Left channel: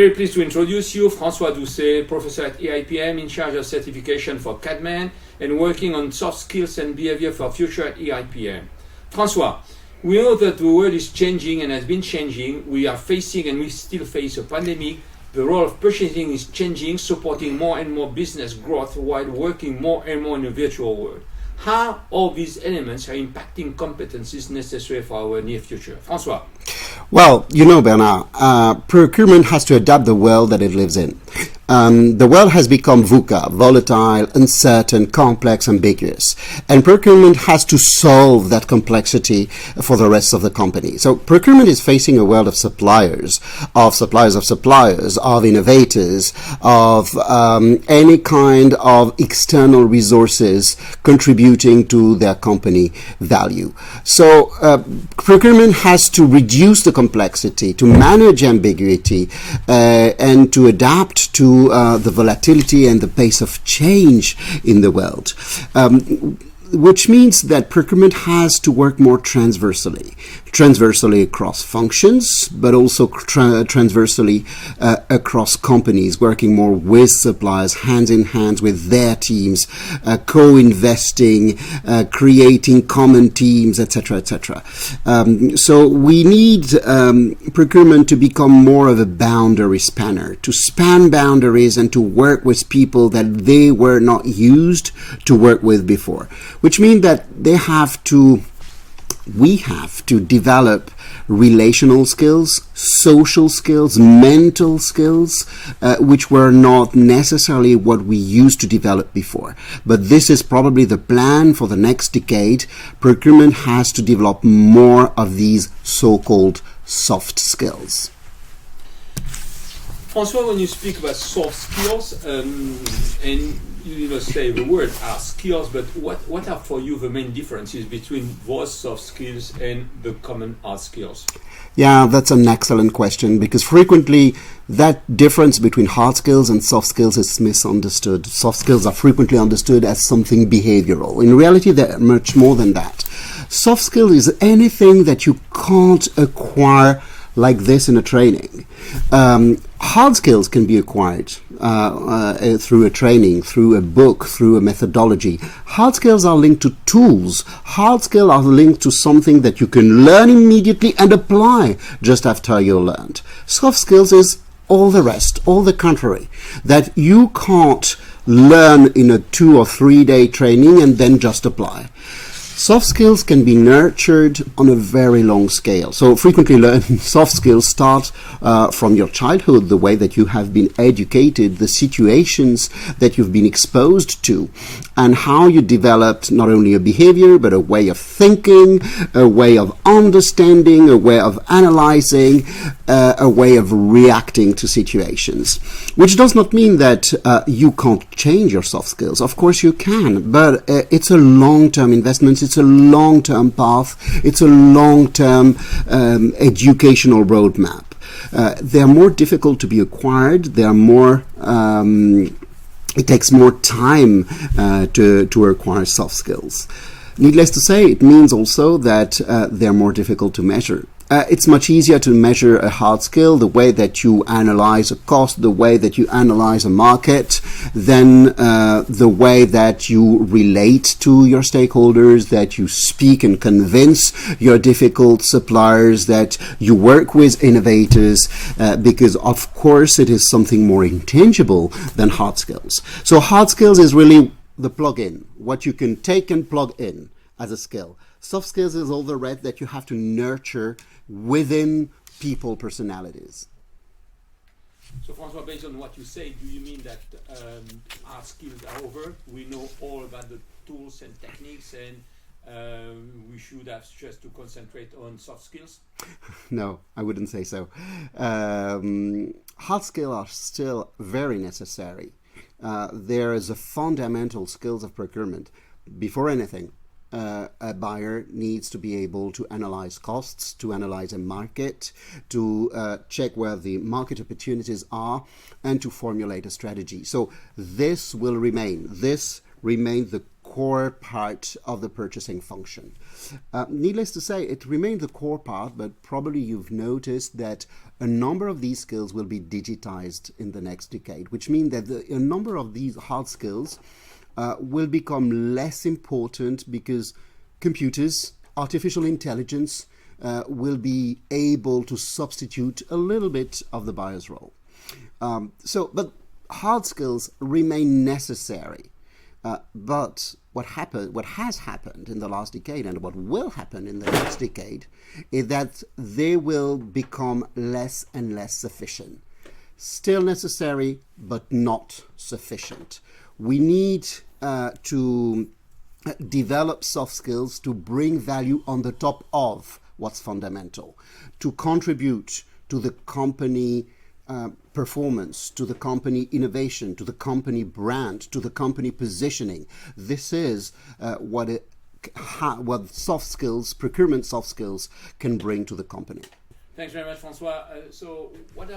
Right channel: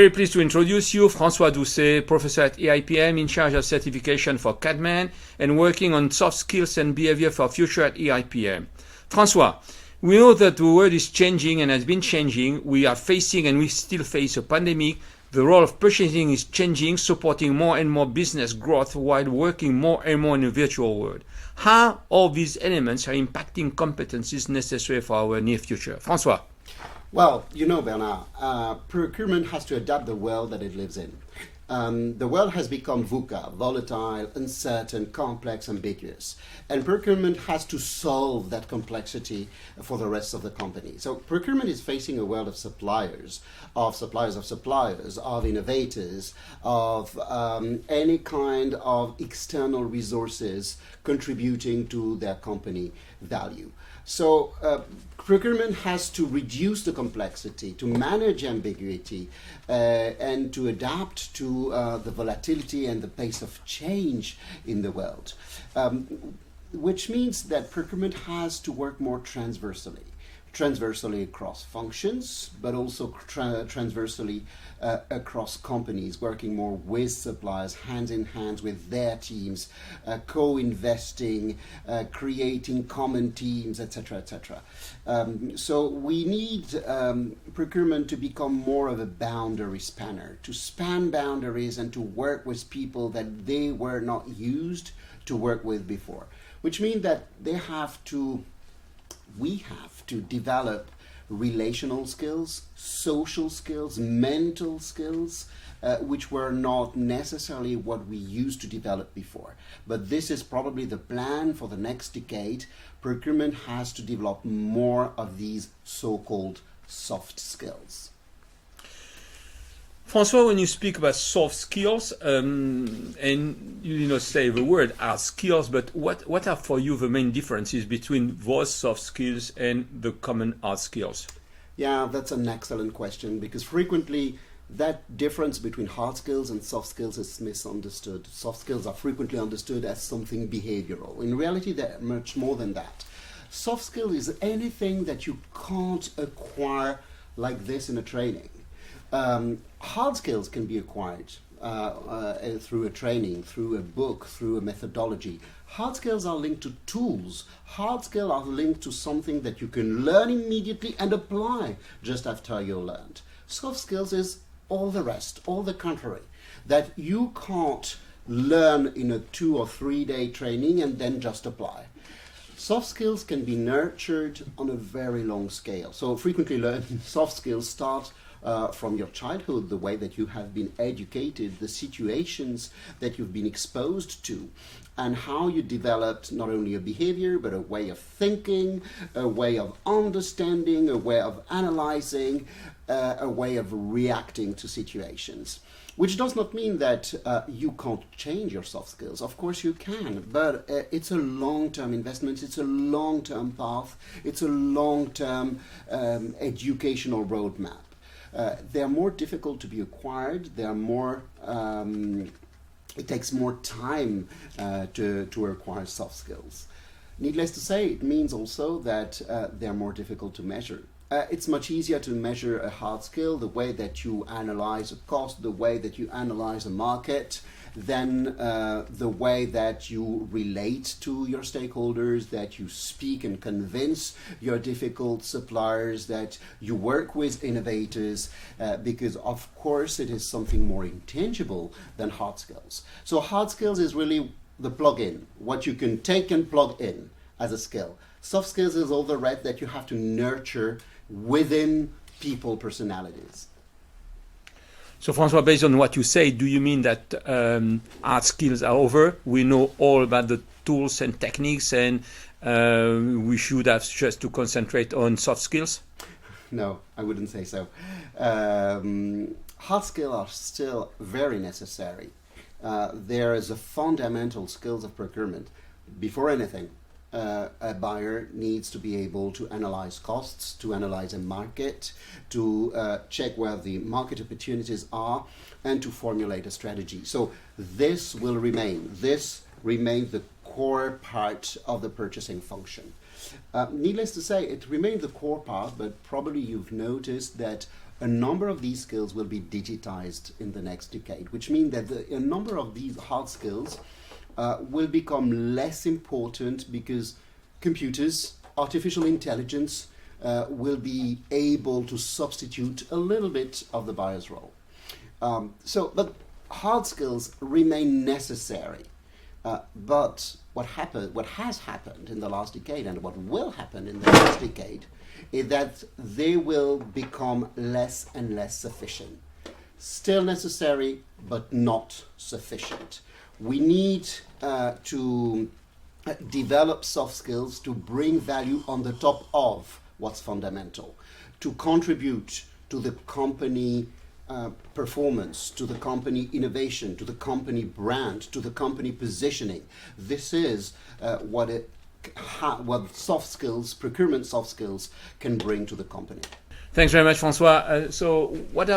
very pleased to introduce you, Francois Doucet, professor at EIPM in charge of certification for CADMAN and working on soft skills and behavior for future at EIPM. Francois, we know that the world is changing and has been changing. We are facing and we still face a pandemic. The role of purchasing is changing, supporting more and more business growth while working more and more in a virtual world. How all these elements are impacting competencies necessary for our near future? Francois. Well, you know, Bernard, procurement has to adapt the world that it lives in. The world has become VUCA, volatile, uncertain, complex, ambiguous. And procurement has to solve that complexity for the rest of the company. So procurement is facing a world of suppliers, of innovators, of any kind of external resources contributing to their company value. So procurement has to reduce the complexity, to manage ambiguity, and to adapt to the volatility and the pace of change in the world, which means that procurement has to work more transversally across functions, but also transversally across companies, working more with suppliers, hands in hands with their teams, co-investing, creating common teams, etc., etc. So we need procurement to become more of a boundary spanner, to span boundaries and to work with people that they were not used to work with before, which means that we have to develop relational skills, social skills, mental skills, which were not necessarily what we used to develop before. But this is probably the plan for the next decade. Procurement has to develop more of these so-called soft skills. Francois, when you speak about soft skills, and you say the word are skills, but what are for you the main differences between those soft skills and the common hard skills? Yeah, that's an excellent question, because frequently that difference between hard skills and soft skills is misunderstood. Soft skills are frequently understood as something behavioral. In reality, they're much more than that. Soft skill is anything that you can't acquire like this in a training. Hard skills can be acquired through a training, through a book, through a methodology. Hard skills are linked to tools. Hard skills are linked to something that you can learn immediately and apply just after you learned. Soft skills is all the rest, all the contrary, that you can't learn in a 2 or 3 day training and then just apply. Soft skills can be nurtured on a very long scale. So frequently soft skills start from your childhood, the way that you have been educated, the situations that you've been exposed to, and how you developed not only a behavior, but a way of thinking, a way of understanding, a way of analyzing, a way of reacting to situations. Which does not mean that you can't change your soft skills. Of course you can, but it's a long-term investment. It's a long-term path. It's a long-term educational roadmap. They are more difficult to be acquired. They are more. It takes more time to acquire soft skills. Needless to say, it means also that they're more difficult to measure. It's much easier to measure a hard skill, the way that you analyze a cost, the way that you analyze a market, than the way that you relate to your stakeholders, that you speak and convince your difficult suppliers, that you work with innovators, because of course it is something more intangible than hard skills. So hard skills is really the plug-in, what you can take and plug in as a skill. Soft skills is all the rest that you have to nurture within people personalities. So Francois, based on what you say, do you mean that hard skills are over? We know all about the tools and techniques, and we should have just to concentrate on soft skills? No, I wouldn't say so. Hard skills are still very necessary. There is a fundamental skills of procurement. Before anything, a buyer needs to be able to analyze costs, to analyze a market, to check where the market opportunities are, and to formulate a strategy. So this will remain. This remains the core part of the purchasing function. Needless to say, it remains the core part, but probably you've noticed that a number of these skills will be digitized in the next decade, which means that a number of these hard skills will become less important because computers, artificial intelligence will be able to substitute a little bit of the buyer's role. But hard skills remain necessary. But what has happened in the last decade, and what will happen in the next decade, is that they will become less and less sufficient. Still necessary, but not sufficient. We need to develop soft skills to bring value on the top of what's fundamental, to contribute to the company performance, to the company innovation, to the company brand, to the company positioning. This is what soft skills, procurement soft skills, can bring to the company. Thanks very much, Francois. So what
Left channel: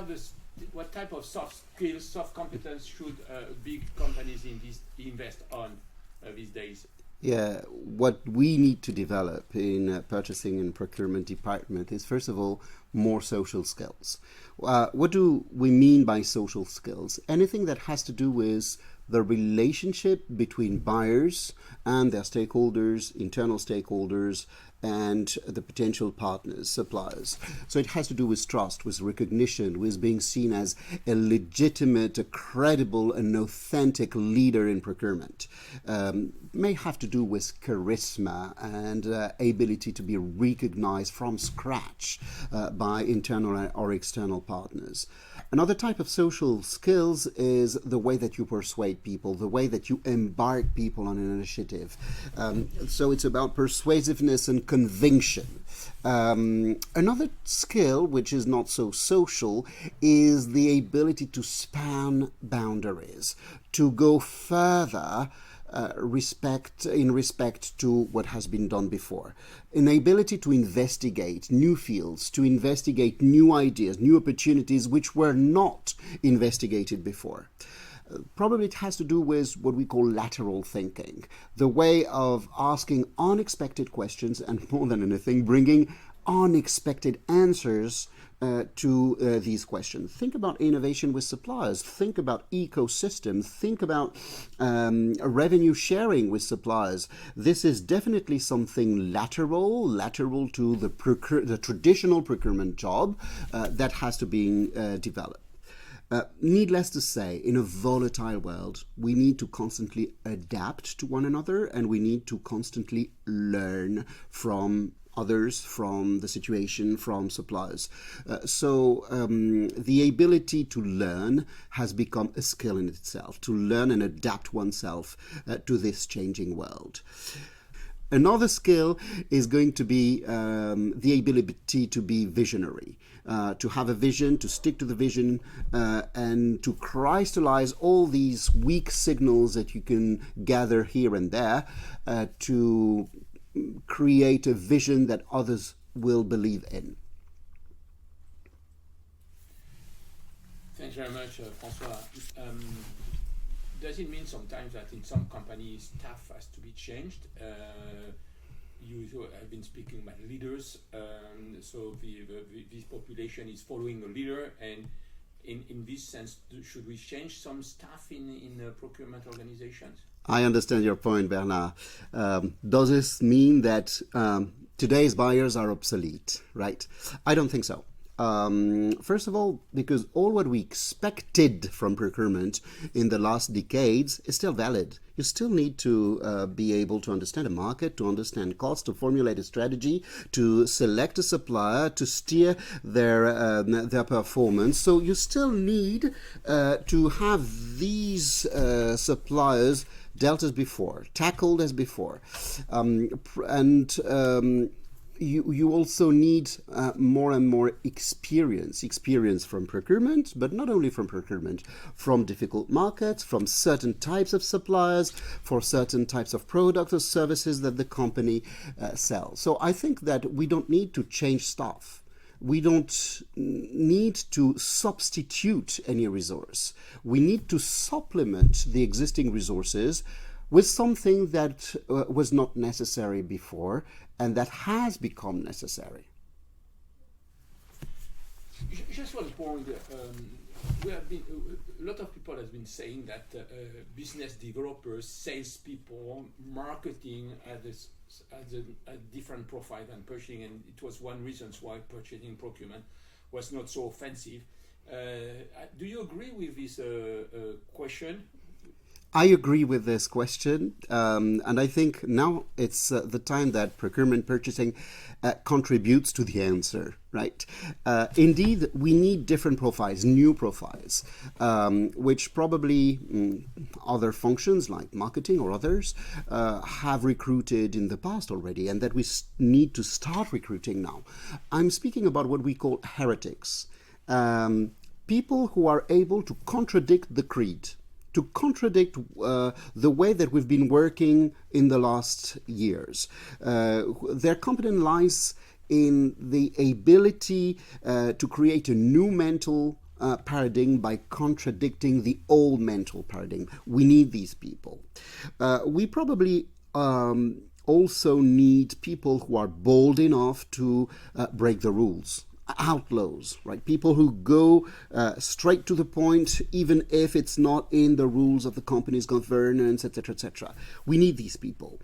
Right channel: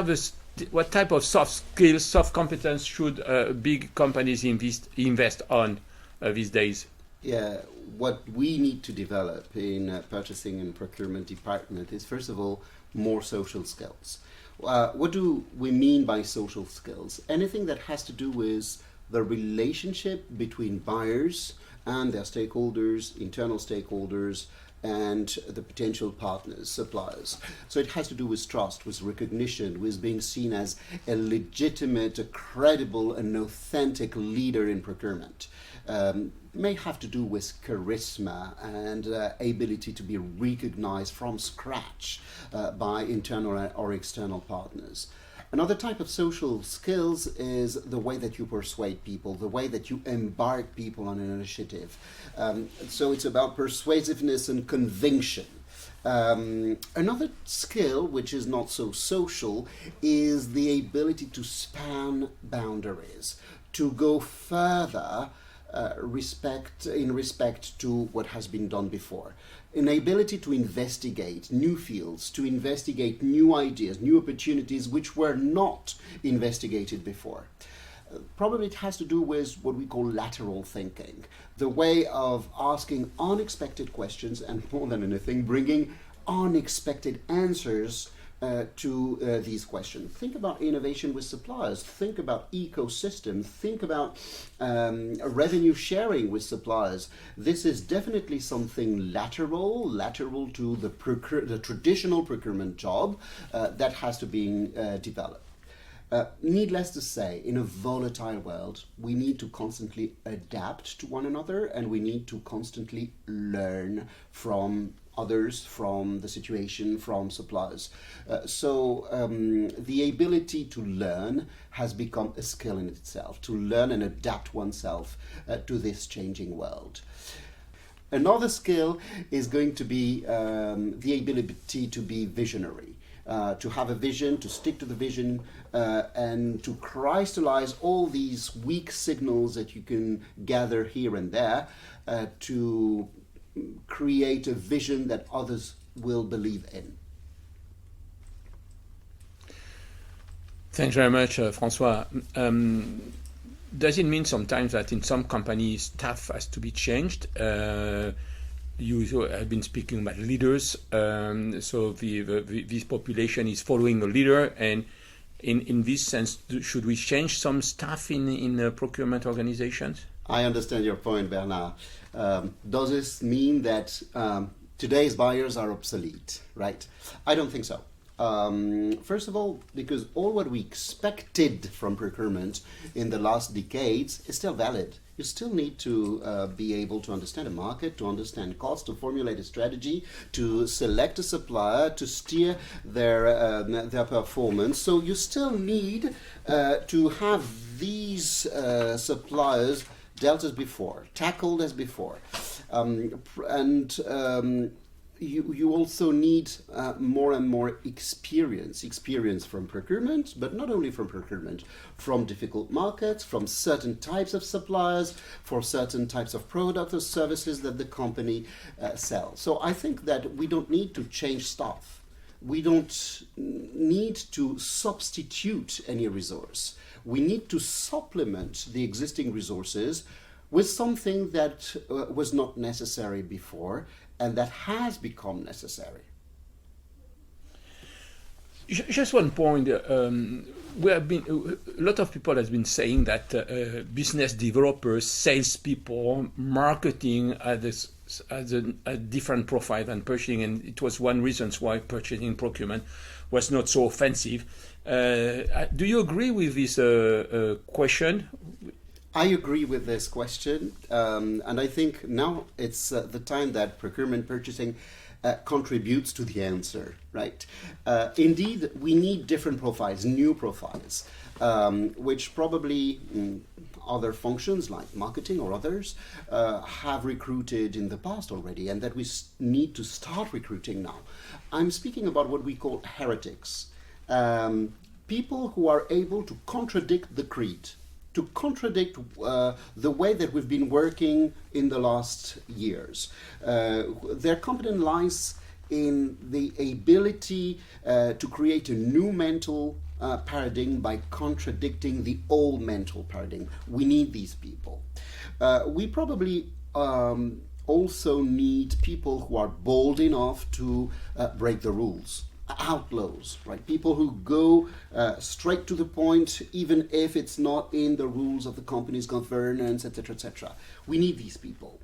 type of soft skills, soft competence should big companies invest on these days? Yeah, what we need to develop in purchasing and procurement department is, first of all, more social skills. What do we mean by social skills? Anything that has to do with the relationship between buyers and their stakeholders, internal stakeholders, and the potential partners, suppliers. So it has to do with trust, with recognition, with being seen as a legitimate, a credible, and authentic leader in procurement. May have to do with charisma and ability to be recognized from scratch by internal or external partners. Another type of social skills is the way that you persuade people, the way that you embark people on an initiative. So it's about persuasiveness and conviction. Another skill, which is not so social, is the ability to span boundaries, to go further in respect to what has been done before. An ability to investigate new fields, to investigate new ideas, new opportunities which were not investigated before. Probably it has to do with what we call lateral thinking, the way of asking unexpected questions and, more than anything, bringing unexpected answers to these questions. Think about innovation with suppliers. Think about ecosystems. Think about revenue sharing with suppliers. This is definitely something lateral to the traditional procurement job that has to be developed. Needless to say, in a volatile world, we need to constantly adapt to one another, and we need to constantly learn from others, from the situation, from suppliers. So the ability to learn has become a skill in itself, to learn and adapt oneself to this changing world. Another skill is going to be the ability to be visionary. To have a vision, to stick to the vision, and to crystallize all these weak signals that you can gather here and there to create a vision that others will believe in. Thanks very much, Francois. Does it mean sometimes that in some companies staff has to be changed? You have been speaking about leaders, so this population is following a leader, and in this sense, should we change some staff in procurement organizations? I understand your point, Bernard. Does this mean that today's buyers are obsolete, right? I don't think so. First of all, because all what we expected from procurement in the last decades is still valid. You still need to be able to understand a market, to understand cost, to formulate a strategy, to select a supplier, to steer their performance. So you still need to have these suppliers dealt as before, tackled as before, You also need more and more experience from procurement, but not only from procurement, from difficult markets, from certain types of suppliers, for certain types of products or services that the company sells. So I think that we don't need to change staff. We don't need to substitute any resource. We need to supplement the existing resources with something that was not necessary before and that has become necessary. Just one point. We have been a lot of people have been saying that business developers, salespeople, marketing as a different profile than purchasing, and it was one reason why purchasing procurement was not so offensive. Do you agree with this question? I agree with this question, and I think now it's the time that procurement purchasing contributes to the answer, right? Indeed, we need different profiles, new profiles, which probably other functions like marketing or others have recruited in the past already, and that we need to start recruiting now. I'm speaking about what we call heretics, people who are able to contradict the creed, to contradict the way that we've been working in the last years. Their competence lies in the ability to create a new mental paradigm by contradicting the old mental paradigm. We need these people. We probably also need people who are bold enough to break the rules. Outlaws, right? People who go straight to the point, even if it's not in the rules of the company's governance, etc., etc. We need these people.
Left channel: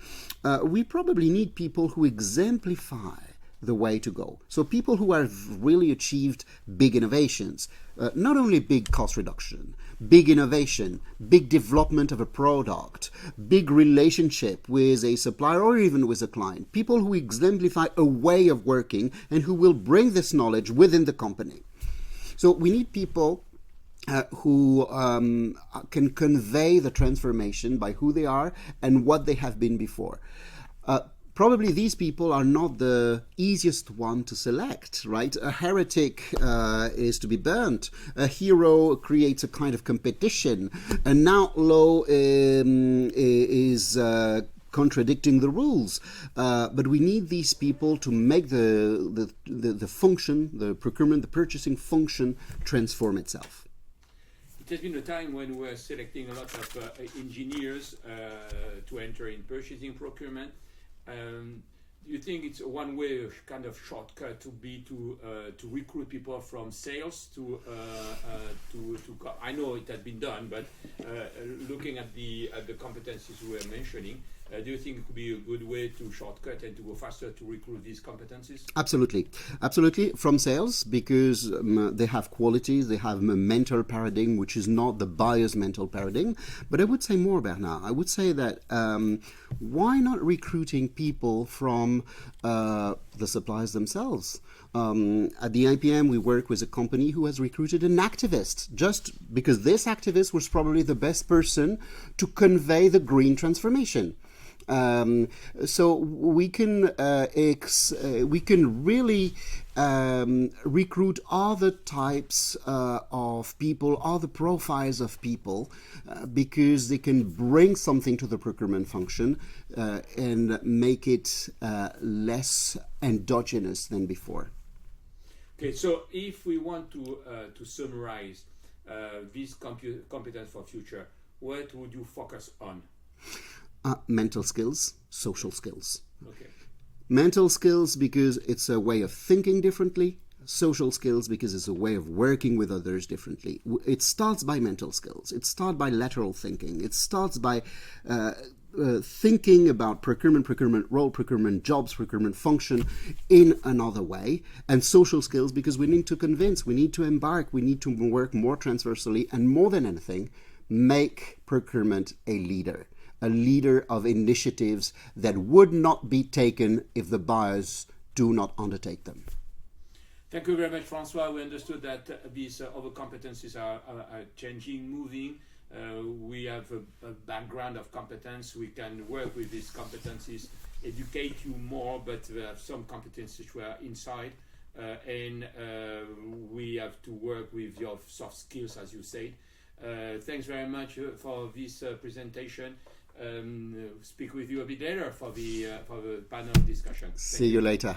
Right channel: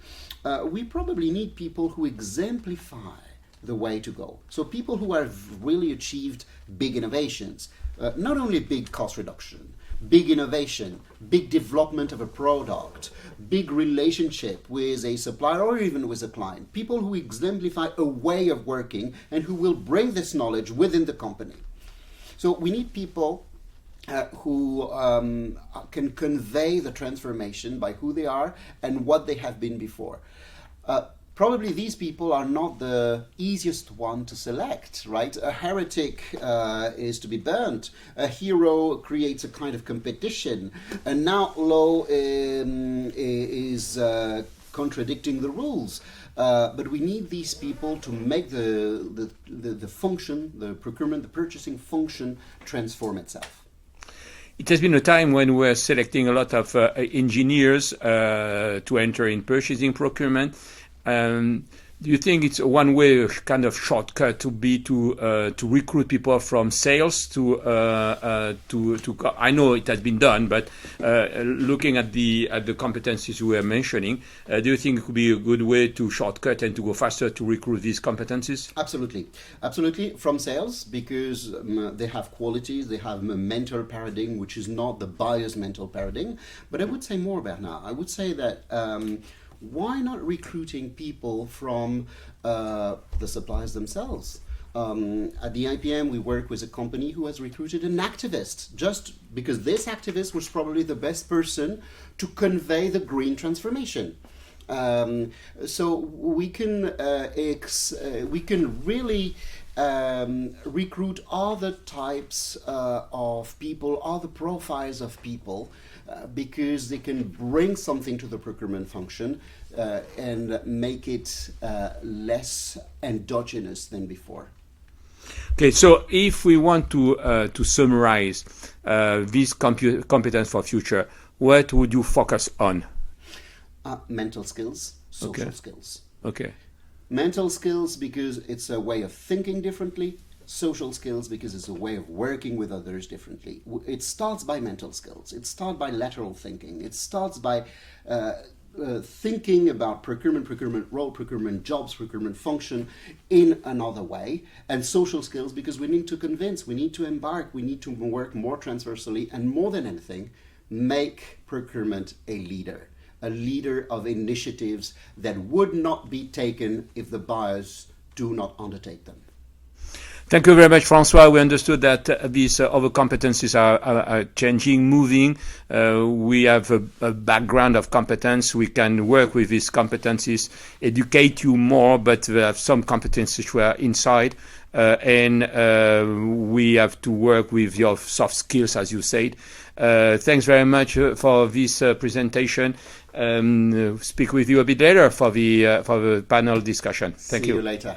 We probably need people who exemplify the way to go. So people who have really achieved big innovations, not only big cost reduction, big innovation, big development of a product, big relationship with a supplier or even with a client. People who exemplify a way of working and who will bring this knowledge within the company. So we need people who can convey the transformation by who they are and what they have been before. Probably these people are not the easiest one to select, right? A heretic is to be burnt. A hero creates a kind of competition. An outlaw is contradicting the rules. But we need these people to make the function, the procurement, the purchasing function transform itself. It has been a time when we're selecting a lot of engineers to enter in purchasing procurement. Do you think it's one way, a kind of shortcut, to recruit people from sales to I know it has been done, but looking at the competencies you were mentioning, do you think it could be a good way to shortcut and to go faster to recruit these competencies? Absolutely, from sales, because they have qualities, they have a mental paradigm which is not the buyer's mental paradigm. But I would say more about now. I would say that why not recruiting people from the suppliers themselves? At the IPM, we work with a company who has recruited an activist, just because this activist was probably the best person to convey the green transformation. So we can really recruit other types of people, other profiles of people, because they can bring something to the procurement function and make it less endogenous than before. Okay, so if we want to summarize this competence for future, what would you focus on? Mental skills, social skills. Okay. Mental skills because it's a way of thinking differently. Social skills because it's a way of working with others differently. It starts by mental skills. It starts by lateral thinking. It starts by thinking about procurement role, procurement jobs, procurement function in another way. And social skills because we need to convince, we need to embark, we need to work more transversally, and more than anything, make procurement a leader of initiatives that would not be taken if the buyers do not undertake them. Thank you very much, Francois. We understood that these other competencies are changing, moving. We have a background of competence. We can work with these competencies, educate you more, but we have some competencies which are inside. And we have to work with your soft skills, as you said. Thanks very much for this presentation. Speak with you a bit later for the panel discussion. Thank you. See you later.